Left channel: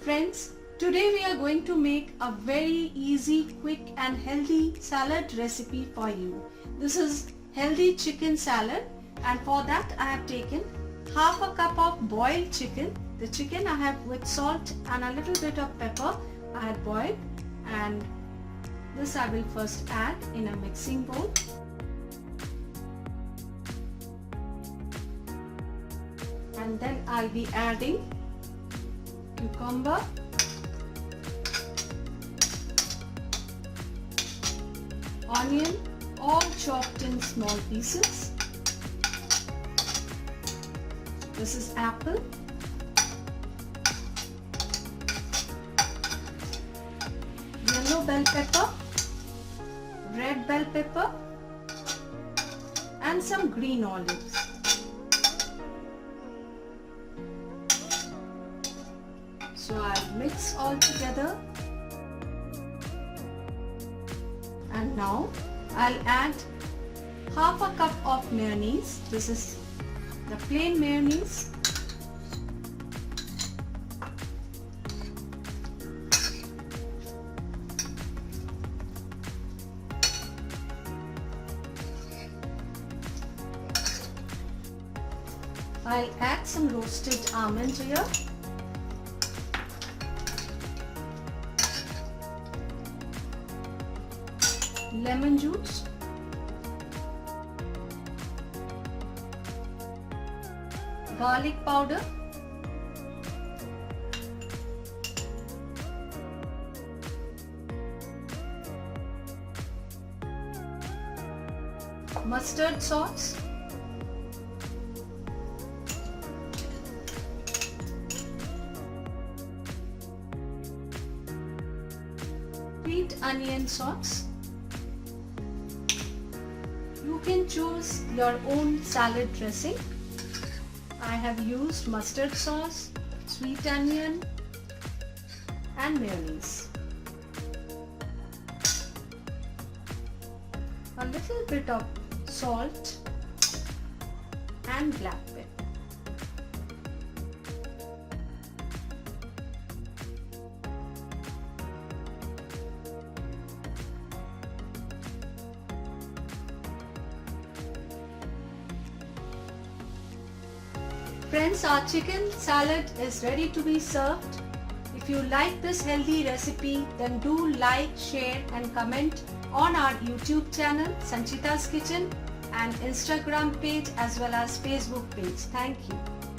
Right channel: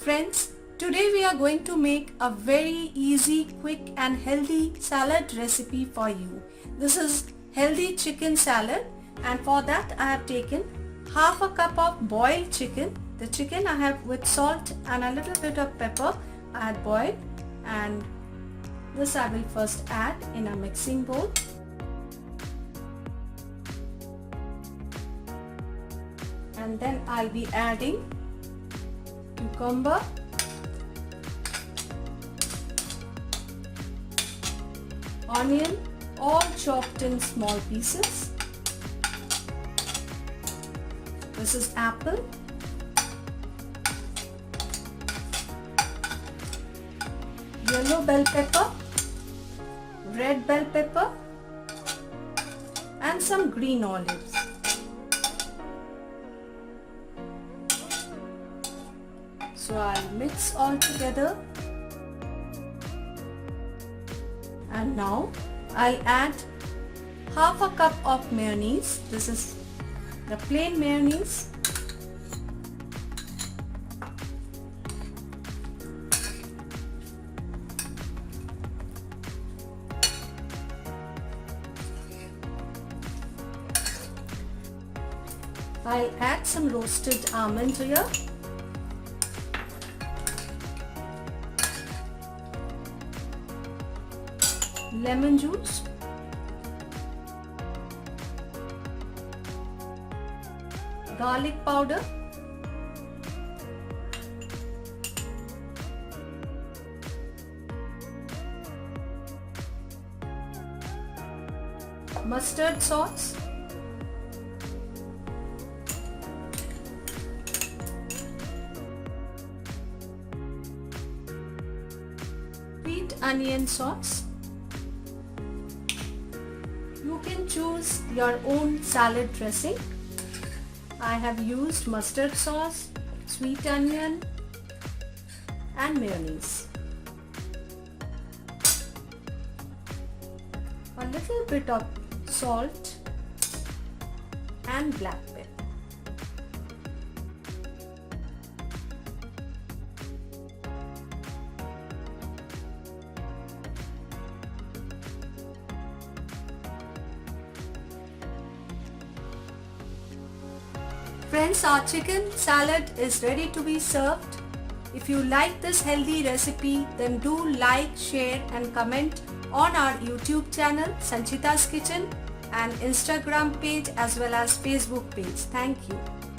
Friends, today we are going to make a very easy, quick and healthy salad recipe for you. This is healthy chicken salad, and for that I have taken half a cup of boiled chicken. The chicken I have with salt and a little bit of pepper I had boiled, and this I will first add in a mixing bowl. And then I'll be adding cucumber, onion, all chopped in small pieces. This is apple, yellow bell pepper, red bell pepper, and some green olives. So I'll mix all together, and now I'll add half a cup of mayonnaise. This is the plain mayonnaise. I'll add some roasted almond here. Lemon juice, garlic powder, mustard sauce, sweet onion sauce. You can choose your own salad dressing. I have used mustard sauce, sweet onion and mayonnaise. A little bit of salt and black pepper. Friends, our chicken salad is ready to be served. If you like this healthy recipe, then do like, share and comment on our YouTube channel Sanchita's Kitchen and Instagram page as well as Facebook page. Thank you.